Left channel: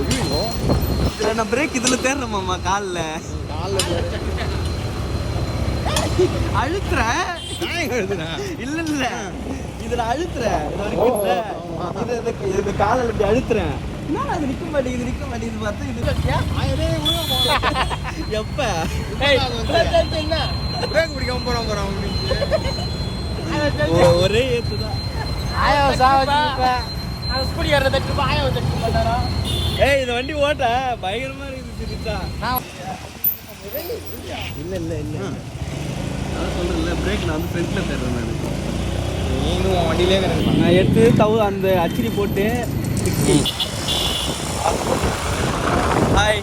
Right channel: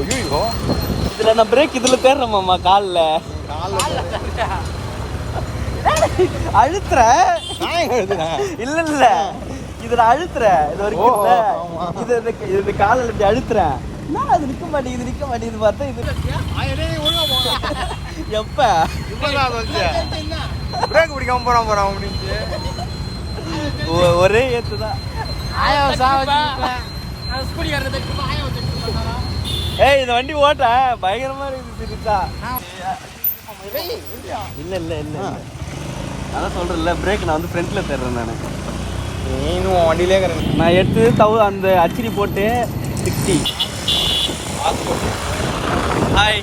ஐயோ இதுல நான் பிரேக் இதுல தேடுறேன்மாமா காலில் அழுத்துற இல்ல இல்ல இதுல அழுத்துறேன் இது வரைக்கும் இது காலில் இப்படி அழுத்துறேன் நான் அது நிக்க மாட்டேங்குது பார்த்தா இது எப்ப பிரேக் பிடிக்காம போறான் அப்படின்னு ஒரே ஏத்துதான் ஏய் இந்த வண்டி ஓட்ட பயங்கரமா இருக்குது இல்ல இல்ல இல்ல அதான் சொல்றேன்ல பிரேக் நான் வந்து ஃப்ரண்ட்ல தேடுறேன் நான் நீனும் வண்டியிலே நான் எடுத்து அந்த அச்சிரி போட்டு 60. ஹாய்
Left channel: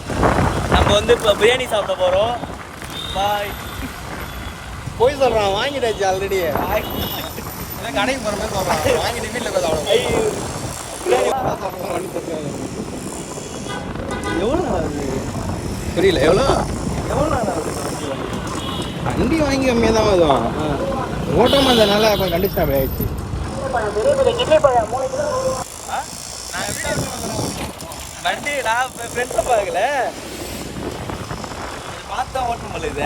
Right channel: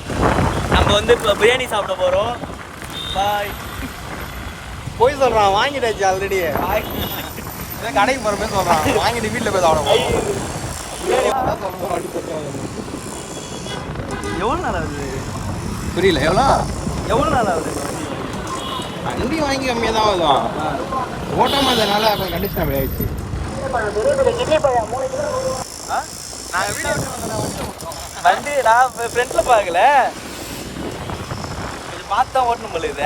நம்ம வந்து இப்போ பிரியாணி சாப்பிட போகிறோம். பாய். போய் சொல்கிறான் வாங்கிட்டாச்சு ஆல்ரெடி. ஹாய் இல்லை கடைக்கு போகிற மாதிரி சொல்கிறான் வாங்கிட்டு வீட்டில் போய் சாப்பிட பிரியாணி எவ்வளோ நாள் ஆகுது புரியல எவ்வளோ நாள் ஆகுது வண்டி வாங்கி கம்மியாக தான் ஆகுதும் ஓட்டாமல் இருந்ததுனால கொஞ்சம் கண்டிஷன் அப்படி ஆயிடுச்சு. வண்டி நான் ஃப்ரெண்ட்ஸில் பார்க்கல கொஞ்சம் பார்த்து தான் ஓட்டணும் போல இது.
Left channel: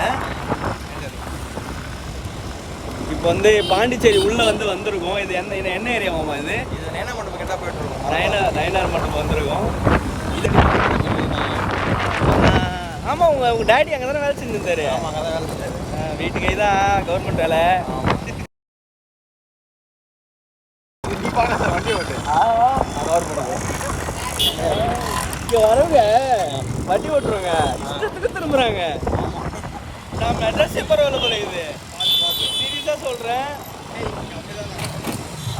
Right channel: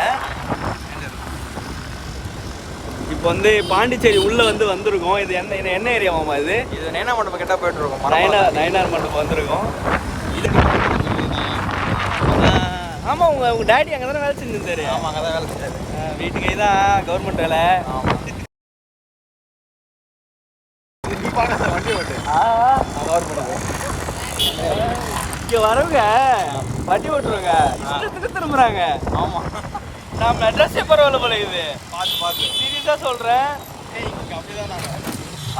இப்போ வந்து பாண்டிச்சேரி உள்ளே வந்திருக்கோம். இது என்ன ஏரியாவாமா இது? இது நைனா மண்டபம் கிட்ட போயிட்டு இருக்கோம். நயனார் மண்டபம் வந்திருக்கோம். இது ஆமாம் உங்கள் டேடி அங்கே தானே வேலை செஞ்சுருந்தாரு. ஆமாம் அங்கே தான் வேலை செஞ்சாரு. வீட்டுக்கு தான் கவர்மெண்ட் வேலை. வண்டி ஓட்டு கவர்மெண்ட் இங்கே வரவங்க வண்டி ஓட்டுருவாங்க இஷ்டத்துக்கு திரும்புறாங்க. ஆமாம் நம்ம அட்ரஸே பரவாயில்ல போல இது. பார்த்து சீரியஸாக சொல்கிறேன்.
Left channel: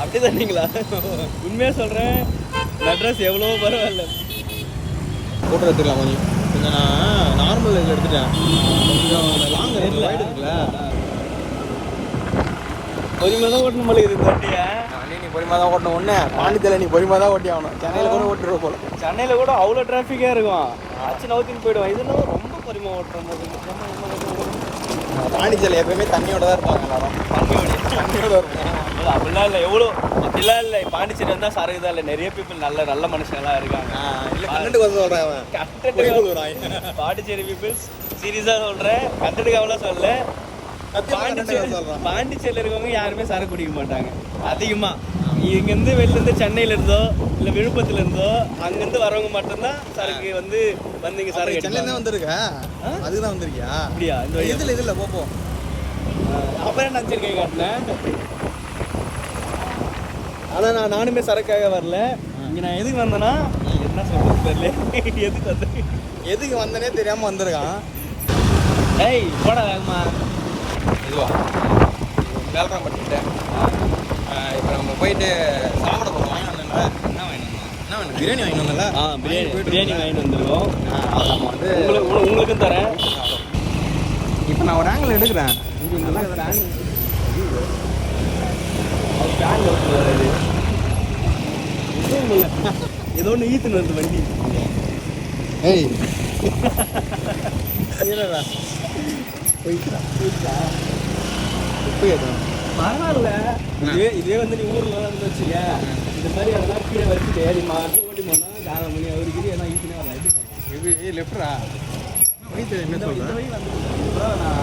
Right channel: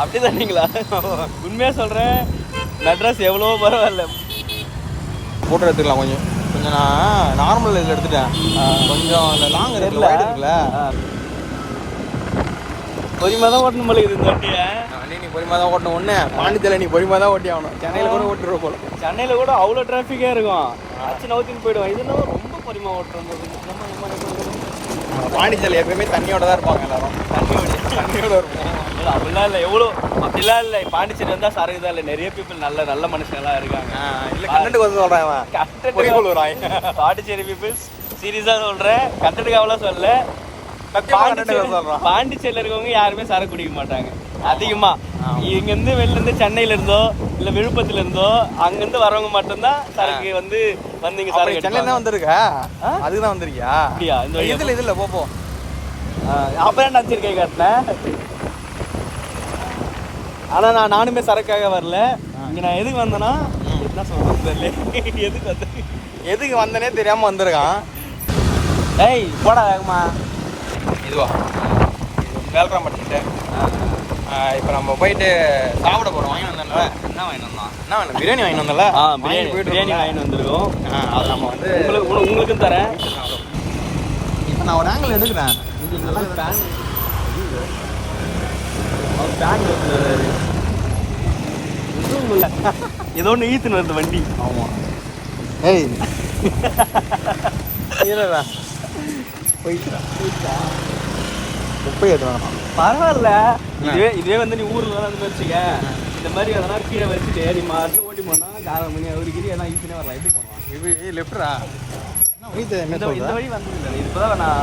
அப்படிதானீங்களா? உண்மையாக சொல்கிறேன் அட்ரஸ் எவ்வளோ பரவாயில்ல. ஃபோட்டோ எடுத்துக்கலாம் கொஞ்சம் நான் நார்மல் இது எடுத்துட்டேன். கொஞ்சம் அந்த லாங் இருக்குல்ல பொறுமையாக தான் ஓட்டணும் போல இது. இந்த வண்டியை நீ பொறுமையாக தான் ஓட்டணும். ஒன்று பாண்டிச்சேரியில் நீ பொறுமையாக தான் ஓட்டி ஆகணும். சென்னையில் கூட ஓட்டுருவோம் போல. சென்னையில் கூட அவ்வளோ டிராஃபிக்காக இருக்கும். ஆச்சு நவுத்தின்னு போயிடுவோம். இதுனா ரொம்ப பொறுமையாக ஓட்டுறது. பாண்டிச்சேரியில் எப்பவுமே தண்ணியோட தான் இருப்பாங்க எல்லாரும். தண்ணியோட இருப்போம். அப்படிலாம் இல்லை அப்படிலாம் இல்லை. பாண்டிச்சேரி வந்தால் சரக்கு தான் இல்லை. நிறைய பீப்புள் நல்ல மனுஷங்கள்லாம் இருக்காங்க. இல்லை கண்டென்ட்டுக்கு வந்து சொல்கிறேன். பாண்டிச்சேரி பீப்புள்ஸ் சீரியஸாக சொல்கிறேன். கண்டென்ட்டுக்காகலாம் சொல்ல. பாண்டிச்சேரியில் இருக்கவங்க யாருமே சரக்கு குடிக்க மாட்டாங்க அதிகமாக. இங்கேருந்து வெளிலேருந்து சென்னையில இருந்தோ இல்லை விழுப்புரத்துல இருந்தோ அங்கேருந்து வரவங்க மட்டும்தான் சரக்கு வந்தீங்க. சரக்கு சென்னை தான் வந்திருக்கா? அதுக்கு தான் வந்திருக்கியா? அப்படியா? இந்த இதில் போ அப்புறம் நினச்சிரு கை காட்டினேன். ஆனால் நானுமே சரக்காக வரல. இங்கே நான் எதுக்கு வந்தேன்னா என்ன சொல்றது எதுக்கு வந்தனே தெரியாமல் வந்திருக்கான். ஏய் போடா வேகமா. இதுவா வேல்ராம் பண்ணிட்டேன். இப்போ நம்ம போயிட்டு சாப்பிட போகிறோம். வாங்கிட்டு வந்தேன். என்ன வேணும்? பிரியாணி வாங்கிட்டு வந்தல. பிரியாணி வாங்கிட்டு வந்துருக்கோம். அது நம்ம உங்களுக்கும் தரேன். இப்போ நான் ஒரு ஆங்கிள் எடுக்கிறேன். ஏதோ ஒன்று ஈத்துன்னு வருது வண்டி. ஆமாம். ஏய் போயிட்டா பரவாயில்ல. இதே நீ ஊர்ல வச்சுக்க. இந்த மாதிரி எதனா கீழே வச்சுட்டு நீ மாட்டு ஓட்டி போனா 4 மணி ஒரு கிரி எதனா ஈஸியாக வரலாம். எப்படி போகலாம்? லெஃப்டா இந்த வழி வந்து இப்போதான் நான்